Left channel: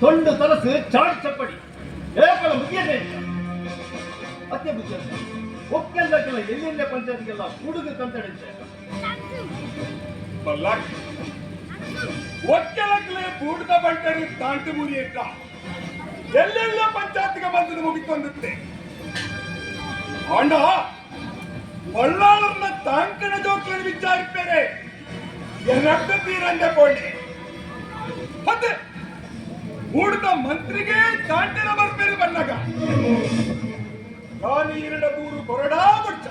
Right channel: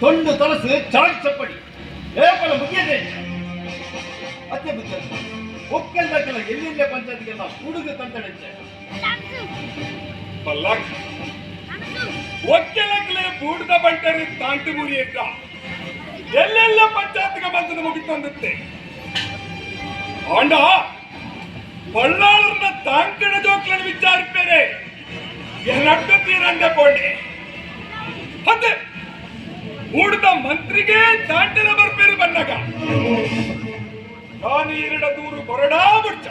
ತೊಂಡು ತಲಸು ಚಾಡಿ ಚಪ್ಪಡಿ ಏಪಲ ಮುಗಿಯದೆ ಅತ್ತೆ ಬುದ್ಧ ಒಕ್ಕೆಲ್ಲ ಎಲ್ಲಿಂದ ಪಂಚಾಯತ್ಗೆಲ್ಲ ಹುಡುಗ ತಂತಡಂತೆ ಬಲ್ಲಾಕ್ ಒಕ್ಕೆಲಕ್ಕಲೆ ಬೂಡ್ದ ಬಂಟರಿ ತಾಂಟಿ ಮುರಿ ಅಂತ ಎಲ್ಲೆಲ್ಲ ಪಂಚಾಯತ್ಗೆ ಬಂದದ ಮುಗಿತಂದತ್ತೆ ಆಂಡ ಬಳ್ಳಾಳರ್ನ ತಾಂಕಣ ಜೋಕ್ಲನ್ನು ವಿಚಾರಿಪೇರೆ ಎಲ್ಲಟ್ಟು ತೀರಂದೆ ಪೋಂಡೆ ಅದೇ ಮೂಡ್ದ ಮಂತ್ರಿಗೆ ತಾಂಟನ ಬರ್ಪೇರಿ ಬನ್ನಗ ನಾನು ಈರಡ ದೂರು ಕೊರಡಾ ಬುಡ್ಚ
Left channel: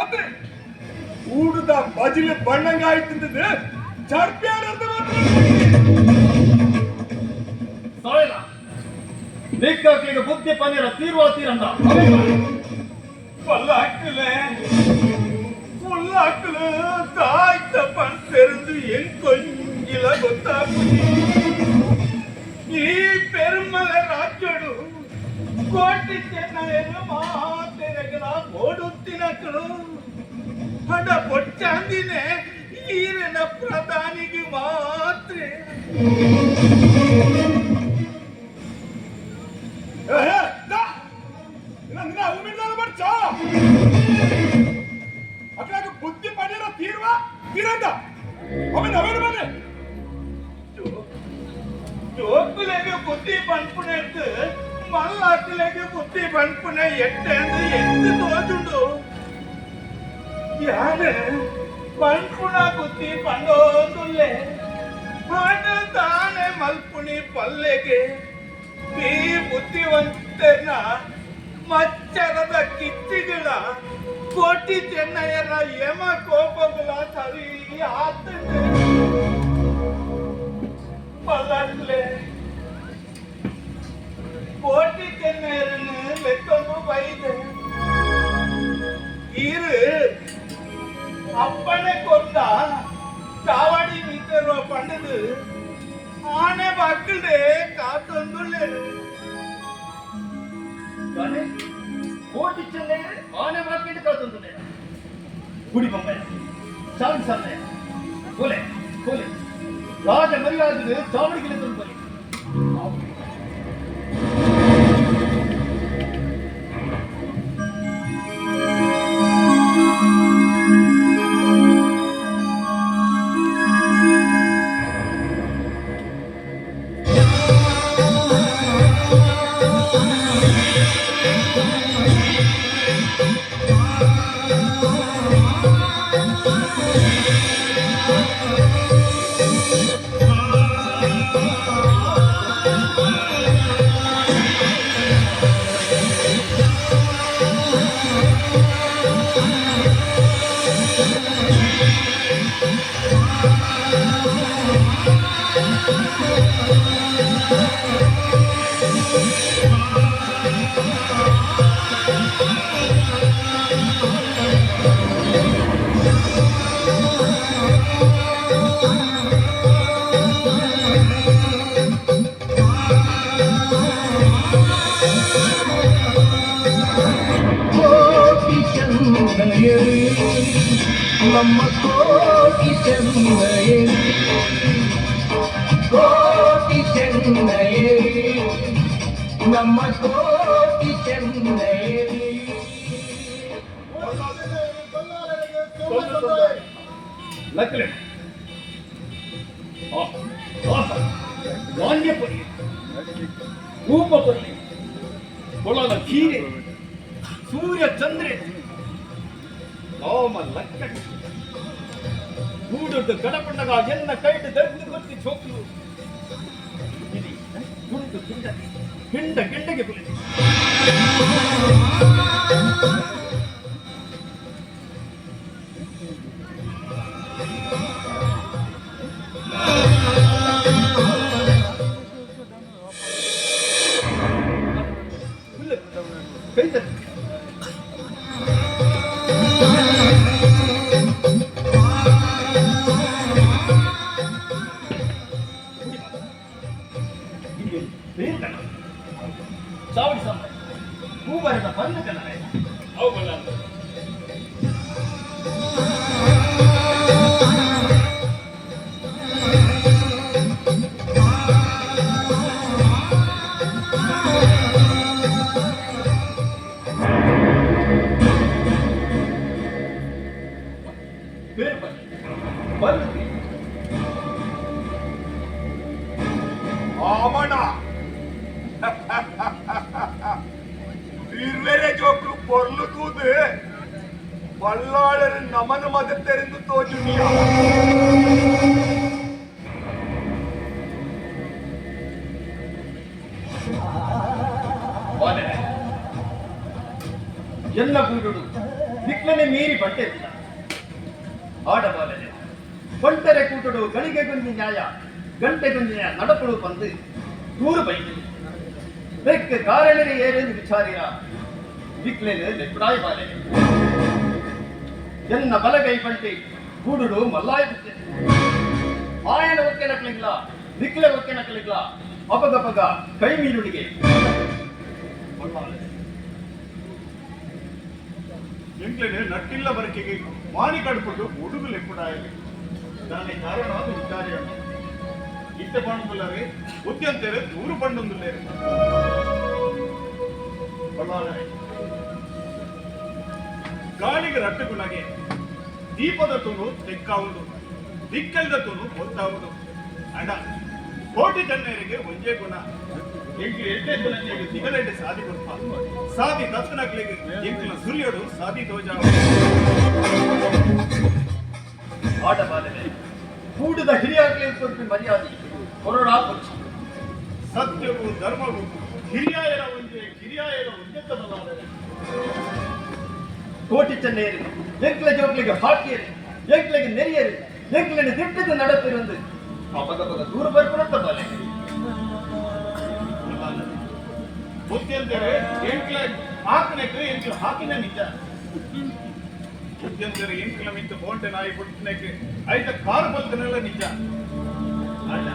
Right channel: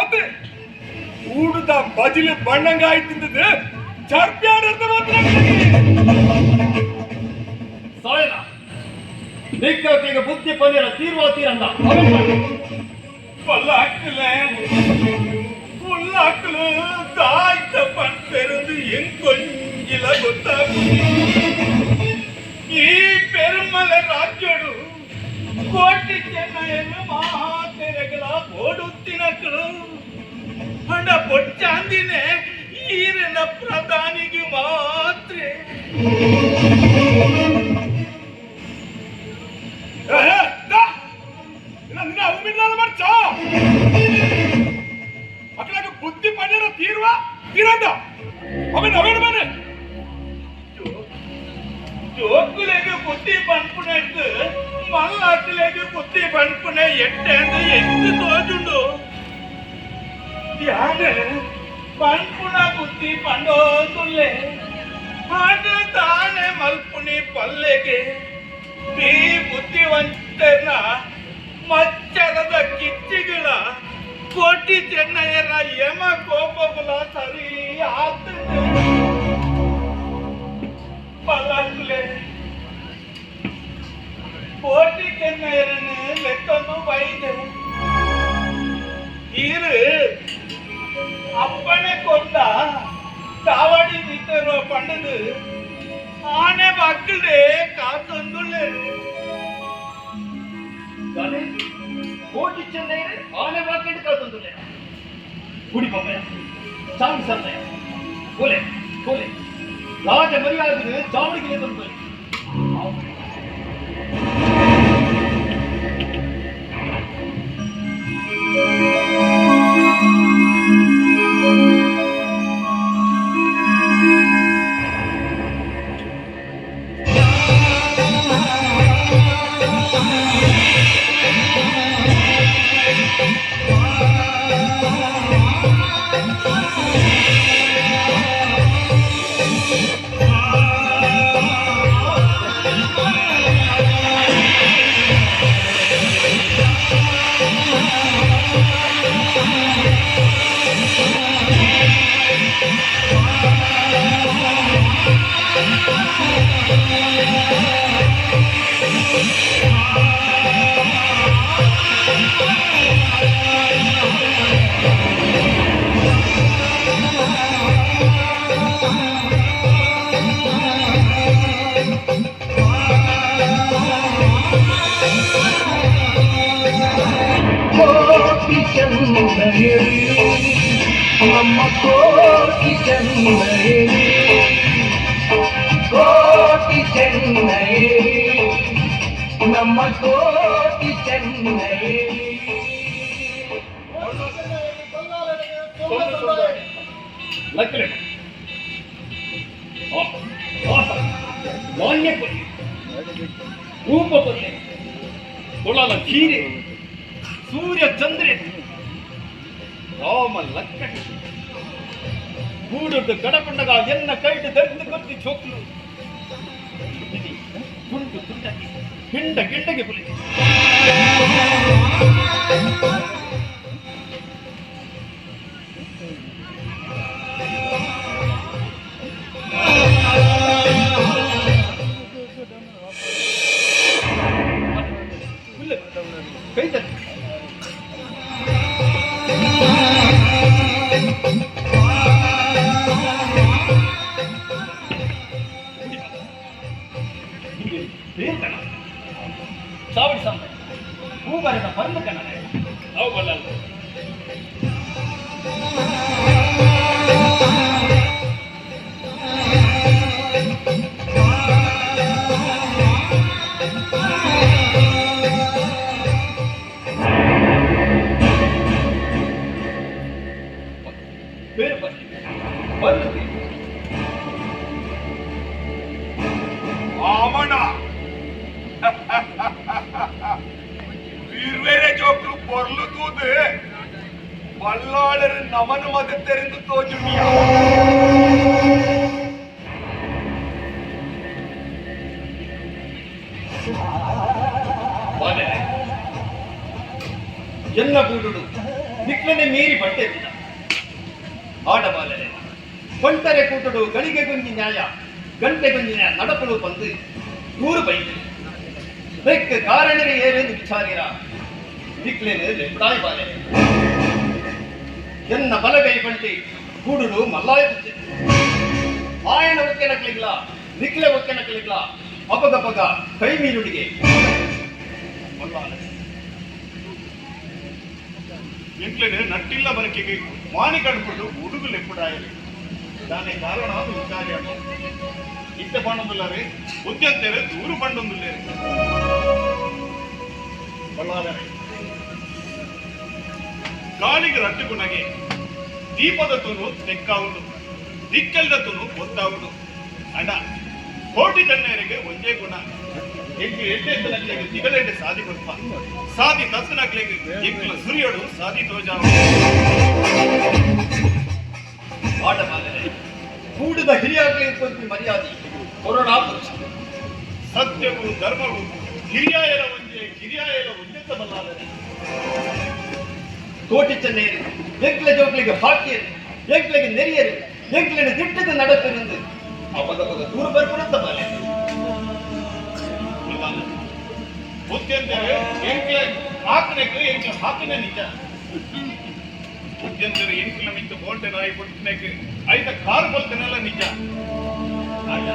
ಅದೇ ಊಡದ ಬಜಿಲು ಬಣ್ಣಂಗಾಯ್ತಿದ್ದದು ಚರ್ಪ್ಯಾಡರ್ದ ಮಾತ್ರ ಸಾಯನ ನಿಕ್ಕಕ್ಕೆ ಬುದ್ಧಿ ಪನ್ನೀರ ತೀರ್ವ ತೀರಂದ பல்லாக்குல தாய்த்த பண்றது என் கொஞ்சில ಗೊತ್ತಾಗು ಈ ಪೆರುಮಲ ರಾಜ್ಯಡು ಕೋಟಿ ಚೆನ್ನೈಯನ್ನು ಮಾತೆರೆಗಳ ಓಡುತ್ತಿನಕ್ಕಳು ಹಣ ಪೊಚ್ಚಾಂದಿನೇ ಈರನ ಪ್ರಧಾನಿಗೆ ಮಾತ್ರ ಅಕ್ಕಳಾಗ ಬುದ್ಧಿ ಪಡೆಯರ ತೀರ್ವ ತೀರಂದ ಅವನ್ ಅವೇನು ಮನೆ ಜೋಕ್ಲೆಗೆ ಬುದ್ಧಿ ಪಂಪುಣ ಇದ್ದು ಮಲ್ಲಾಕ್ಲೆಗೆ ಬುದ್ಧಿ ಪಂಪುಣ ಎಟ್ಟೆ ಅಂದ್ರೆ ಎಂಟು ತೋಜುಂಡು ಯಾನೆ ಪಂಪುಣ ಬುದ್ಧಿ ಪಂಡೋಂದುಲ್ಲೆ ಹಾಗೆ ತಾನೆ ಮಲ್ಪುಣಿ ಪಲ್ಲೆಗೆ ಈ ಬುದ್ಧಿವಂತರ್ನ ಮಚ್ಚರದ ಕಿಚ್ಚಿಗಳ ಕೋಟಿ ಚೆನ್ನಯ್ಯರ ಯಮ ಕೋಪಗಳ ಸರಿ ಆತಂದೆ ಪಲ್ಲಕ್ಲೆ ಕೋಟಿ ಚೆನ್ನಯ್ಯರನ್ನು ಲೆತ್ತೊಂದು ಬೈದೆ ಇರು ಅಪ್ಪನೆ ಕೊಂಡ ಚಾವಡಿ ನಿಂತಿರೋ ಪಣ್ಣದು ಆನೆ ಮಕ್ಕಳೇ ಕಾತೊಂದುಳ್ಳೆ ಕೋಟಿ ಚೆನ್ನೈ ಆನೆ ಬಾಕಿಂಡು ಕಾತೊಂದುಳ್ಳೆ ಗುಡಿ ಬೊಮ್ಮೆ ಚಾವಿ ಸನ್ನೆ ಕೊಲೆ ಕೊಲೆ ರಾಜ ಮರ್ಯಾದೆ ಚಾವಡಿಗೆ ತಂದು ನಮ್ಮ ಕೋಟಿ ಚೆನ್ನೈ ಕೋಟಿ ಚೆನ್ನೈ ನಮ್ಮ ಕೋಟಿ ಚೆನ್ನೈ ಲಕ್ಕಲೆ ನಾಣ್ಯ ಪಲ್ಲೆ ರೂಪ ಪಲ್ಲೆ ಕೊಳಲ ಕೀರೆ ಸೂರ್ಯ ಚಂದ್ರೆ ರಾಮ ಲಕ್ಕಡಿ ಕೂಡುದು ಕಡಪಂಡಗ ಎನ್ನ ಕೈಡು ದರ್ದು ಗೊತ್ತಿ ಚೋಕ್ಲು ತುಂಡು ತುಂಡಗೆ ಗಿಂಡ ಗಿಂಡಗೆ ಕುಳಿತು ಕೈ ತತ್ತಿ ಚಾವಡಿ ಸಂಬ ಹೂಬರದ ಬಂದ ಕನ್ನಡ ಅವು ಬಲ್ಲ ಬಲ್ಲಾಳರು ನಮನು ಮಗತ್ತೆರೆಂದು ತೋಜುಮಿಯ ಎಲ್ಲ ಬೂಡುಡು ನಿಕ್ಲನೆ ಮೀರಿ ಬಟ್ಟೆತ್ತಿನ ಆಡಬಾಲನೆ ಒಂಟರೆ ಕೂಟಡು ಗಳಿಗೆ ಗೊಂಜಿ ನ್ಯಾಯ ಗಂಟೆ ಗೊಂಜಿನ ನಡಪಡು ಬಂದು ನೂರು ಬೈತು ಬೆಕ್ಕ ಕಾರಣರೇ ಏನೆಂದು ವಿಚಾರಿರ ನಿಕ್ಲೆನು ಲೆಪ್ಪಡಾಯಿ ಬಾಲೆ ಎನ್ನ ಬಲಗೈ ಬಂಟೆ ಕೂಡುಡು ಮಲ್ಲಾಯ ಬುತ್ತೆ ಆಯನ ಒಕ್ಕೆ ನಕಲಿಗ್ಲ ನಿಕ್ಲೆ ಒಕ್ಕೆ ನಕಲಿಗ್ಲ ಅಪಗ ಕೈ ಮೀನುಡಿಗೆ ಎಂಟ್ಲೆನೆ ನಟ್ಟಿಲ್ಲ ಬರಕೆಗೆ ಮಾನಿ ಕಡ್ಕೊಂಡು ಹುಡುಗು ಲೆಪ್ಪಡಾಯಲಿ ದಾನೆ ಕಾರಣ ಅದು ವಿಚಾರಿಯನ್ನು ಇತ್ತ ಪಣ್ಣೊಂದುಲ್ಲರೆ ಬುದ್ಧಿಯಂತೇರೆ ದೂರು ಪಣ್ಣೊಂದುಲ್ಲೇರೆ ಬಲ್ಲಾಳರೆ ಗಾಳಿಗೆ ರಟ್ಟುಗುಣಗೆ ದೀಪದ ತೂನು ತೆಕ್ಕಾವುಡು ದಿಕ್ಕೆಲ್ದ ತೂನು ಗೊತ್ತಾವುಡು ಅಡ ಕೋಟಿ ತಣ್ಣರಿಗೆ ಒಂದೇ ಗುಣ ಎಂಟು ಎಟ್ಟೆತ್ತು ನಕ್ಲಿಗೆ ದಿಗಲೆಂಟೆ ಸಾದಿ ಕೊಡ್ಪ ಸಾದಿ ತತ್ತು ನಕ್ಲಿಗೆ ಎಂಕುಲ ಸುರಿಯೋಡು ಸಾದಿ ತೋಜಾವ ಆಡಬಾಲನೆ ಕೂಡಿದ ಹಿರಿಯಾಗ್ಲಿ ಕೊಟ್ಟು ಮರ್ಯಾದೆ ಕೊರೋನಾ ಪಕ್ಷ ಸತ್ಯವು ಧರ್ಮವು ಹಿರಿಯಾಯರ ಒಂಜೆತ್ತ ಬಲ್ಲಾದರೆ ಕೋಟಿ ಚೆನ್ನೇರಿ ಎಂಕ್ಲ ಜೋಕ್ಲಿಗೆ ಹಾಕಿಯರು ಎಂಕ್ಲಿಗೆ ನೆರಿಯರು ಎಂಕ್ಲಿನ ದಿಟ್ಟದ நடப்பிருந்து ಅಪಗ ದೂರ ಬರ್ಕೊಡುತ್ತ ಬಾಲೆ ಬುದ್ಧಿಯಂತೇರೆ ಎಂಕ್ಲ ಹಾಕಿನಕ್ಕೆ ಎಂಕ್ಲ ಹಾಕಿನ ನಿಜ ಬುದ್ಧಿಯಂತೇರೆ ಎಂಕ್ಲ ಮಿಂತ ಬೋಂಟೆ ನಾಯಿ ಪುಟ್ಟಿನಕ್ಕೆ ಐತ ಕಾರು ಬಲ್ತನೆಲ್ಲ ನಿಜ ಅಲ್ಲ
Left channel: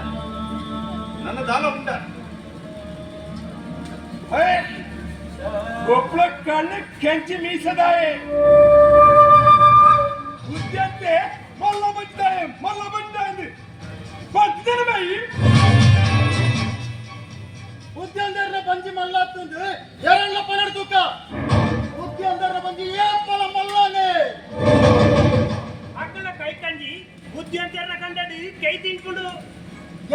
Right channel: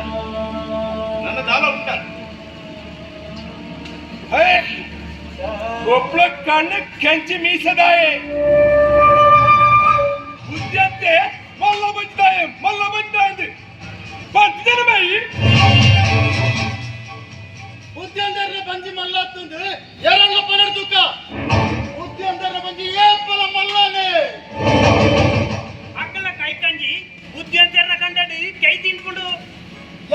ನನ್ನ ದಾನ ಉಂಟ ಒಬ್ಬಳ ಕಣ್ಣು ಕೆಂಚಿ ಮೀಸದಾಯೆ ಬುದ್ಧಿಯಂತೆ ಮಲ್ಲ ಬಜ್ಜಾಯ ಬರ್ತಿದ್ದೇನೆ ಬಾಯಿ ಬುದ್ಧಿಯಂದರ ಬಂಜಿ ಮಲ್ಲಾತ್ತಂದು ಎರಣ್ಣ ಪನರ್ ತೂಕ ಬುದ್ಧಿಯಂದರ ಬಂಜಿ ಏಪಲ ಮಲ್ಲಾನೆ ಅಕ್ಕಲ ಕೈ ಕಂಜಿ ಬುದ್ಧಿಯಂತೆರ್ನ ಕಂಡಡಿ ಕೈ ತಿನ್ಕೊಂಡು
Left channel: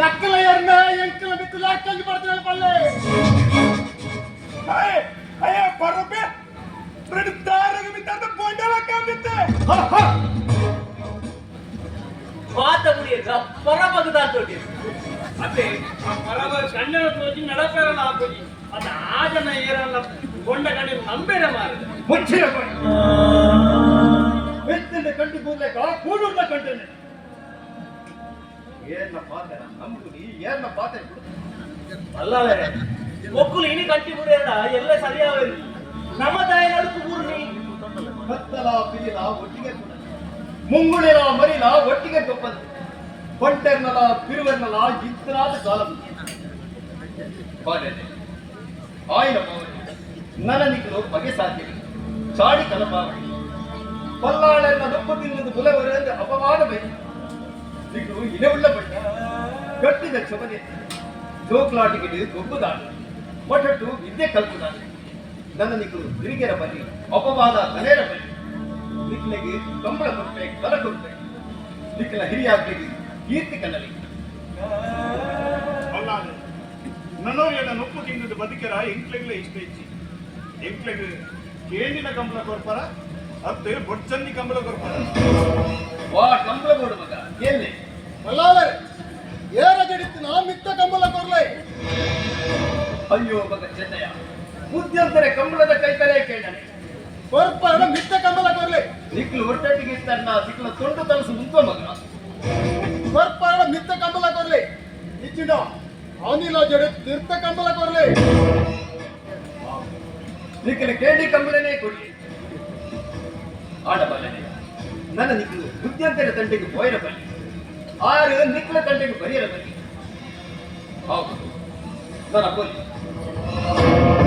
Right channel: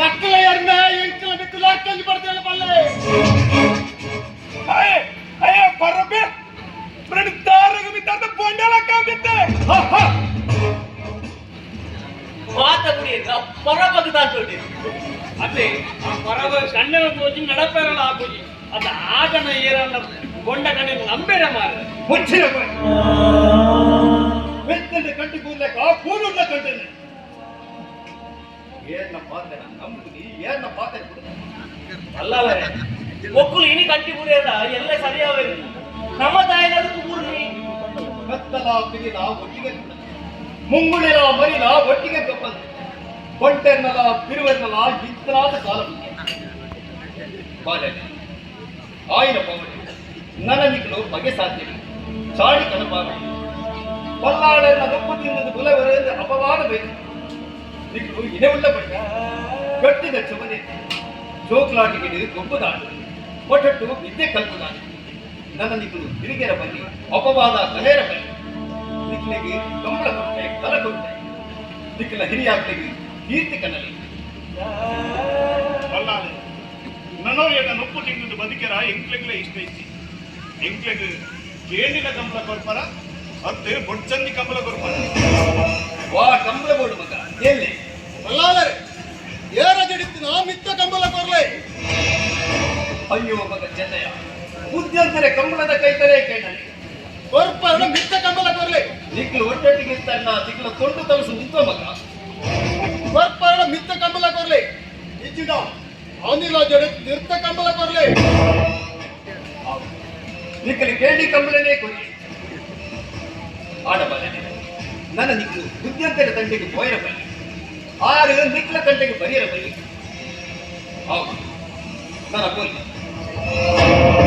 ಎಕ್ಕಲ ಎರ್ನ ಎಂಕಲ ಬಿಕ್ಕಲ ಕಂಜಿ ಬರ್ತಾಳೆ ಪಲ್ಲೆ ಅಯ್ಯ ಬರಬೆ ಬ್ರೆಡ್ ತಾರಗ ಮಿತ್ತಾದ ಬೊಂಡಲ ಕಾಂಬಿತ್ತೆ ಮಾತ ಮುಡಿಯಲ್ಲ ಪರಬಗದ ತೋಟಿ ಅದೇ ಆ ಪರವ ಕಣ್ಣನ ತೋಜಿ ನಡಪೇರಲ್ಲ ಆಪೋಜಿ ಅದ ಆಗನ ಏರಲ್ಲ ಗೊಂಡ ಕಣ್ಣೆ ನಂಬೇರ ಮಾರ ಮುಚ್ಚಿರ ಬೆತ್ತಂಡೆ ಕಂಟಿ ಕೂರ್ಲೆಕ ಕೂಡುಡ್ಲ ಕಂಟೇನೆ ಏರ್ನ ಪಾತೆನ ನಂಬುದಿ ಏರ್ನ ಪಾತೆ ಅಲ್ಲವರೇ ಒಕ್ಕುಲು ಇನಿ ಕಟ್ಟಿ ಮುಡಿಯಲ್ಲ ಎಲ್ಲ ಸರಿಯಾವೆ ನಮ್ಮ ತಾಯಿ ನಡುಕು ಊರ್ನಿ ಕತ್ತಲ ಪಿಗಿಲ ಒಟ್ಟಿಗೆ ಕೂಡ ಮುಂಗುಳಿಲ ಮರಿಲ ಒಟ್ಟಿಗೆ ಕಪ್ಪಂದು ಕೊಂಟೆರ್ನಲ ಪಿರುವೆರ್ನಲ ಇಂತನಾದ ಕಾಲ ಬಾಲೆ ಆಯ್ನ ಪಾವಡಿ ನನ್ನ ನಿಕ್ಕಲು ಬಗೆ ಸಾಧ್ಯವಿಲ್ಲ ಚಾಡಿ ಕಲಪಾವಡಿ ಬಲ್ಲಾಳೆನ್ನ ದೊಪ್ಪು ತಿನ್ನದು ಬುಲವರೆಂದು ಅಪವಾದ ಬೈದು ನಿಕ್ಕಲು ಇನೆವುಳ್ಳ ಬಡ್ಡಿ ಗಟ್ಟಿದ ಚೊಬನೆ ಜೋಕ್ಲಾಟಿಗಿಡು ಗೊಬ್ಬುದಾಡು ಒಟ್ಟಟ್ಟು ವಿದ್ಯೆ ಕಲ್ಪುದಾಡು ನನ್ನ ನಿಕ್ಕಲು ಹಿರಿಗೆರ ಬನ್ನಿ ಅಪವಾದ ತನೇರ ಬನ್ನಿ ನಿಕ್ಲೆಗೆ ಕಂಬಳ ಕೊಟ್ಟೆ ಕಲ ಕೊಟ್ಟೆ ನಿಕ್ಕಲ ಹಿರಿಯಾಗ್ಲಿಗೆ ಕೀರ್ತಿ ಕನ್ನಲಿ ಬಲ್ಲಾಳೆ ನನ್ನೋರಿಯನ್ನ ನೊಪ್ಪು ತಿಂದು ಬದುಕಿರ ಎಂಕ್ಲೆಗ್ಲೆ ಇಷ್ಟ ಇಚ್ಚಿ ಎಂಕ್ಲೆಗ್ ಕೇಂಡಿನ ಕಂಬಳ ಕೊರ್ಪರ ಅತ್ತೆ ಬೊಡ್ಚಂದಿ ಕಂಬಳ ಕೊರ್ಪರ ವಾ ಕಂಬಳ ಬೋಡು ಮಗ ಎಲ್ಲಿ ಬಲ್ಲಾಳರೆ ಏರ ಜಡಿತ್ತು ನಾ ಮಿತ್ತ ಕಂಬಲ ಕೊರ್ಲೆ ಅಯ್ಯೋ ಮಗ ಚೆನ್ನಯ್ಯ ಬುದ್ಧಿಯಂತರೆ ಕಂಬಳದ ಕೈತಲೆ ಕೇಳನೆ ಕೊರ್ಪರಣ ಮಿತ್ತ ಕಂಬಲ ಕೊರ್ಲೆ ನಿಕ್ಲು ಒಟ್ಟೊಟ್ಟಿಗೆ ತನ್ನ ಸಿಕ್ಲ ತೊಂಡು ತಲಸು ನಿಂತ ಮಗ ಕೊರ್ಪರಣ ಮಿತ್ತ ಕಂಬಲ ಕೊರ್ಲೆ ಇಚ್ಚಿನ ಅನಿಲ ಜಡಿತ್ ನಿರ್ತ ಕಂಬಲ ಕೊರ್ಲೆ ನಿಕ್ಕಲು ಕೇಳಿ ಕಂಬಳನೇ ಕೊರಿ ಆಡಬಾಲನೆ ನನ್ನ ನಿಕ್ಲು ಬುದ್ಧಿಯಂತರ ತಂಟೆಗೆ ಪೋಯರ ಬಲ್ಲಿ ಆರು ನಿಕ್ಲ ತಂಟೆಗೆ ಬರಿಯರ ಬಲ್ಲಿ ಹೌದು ನನ್ನ ಕೊಲ್ಲಿ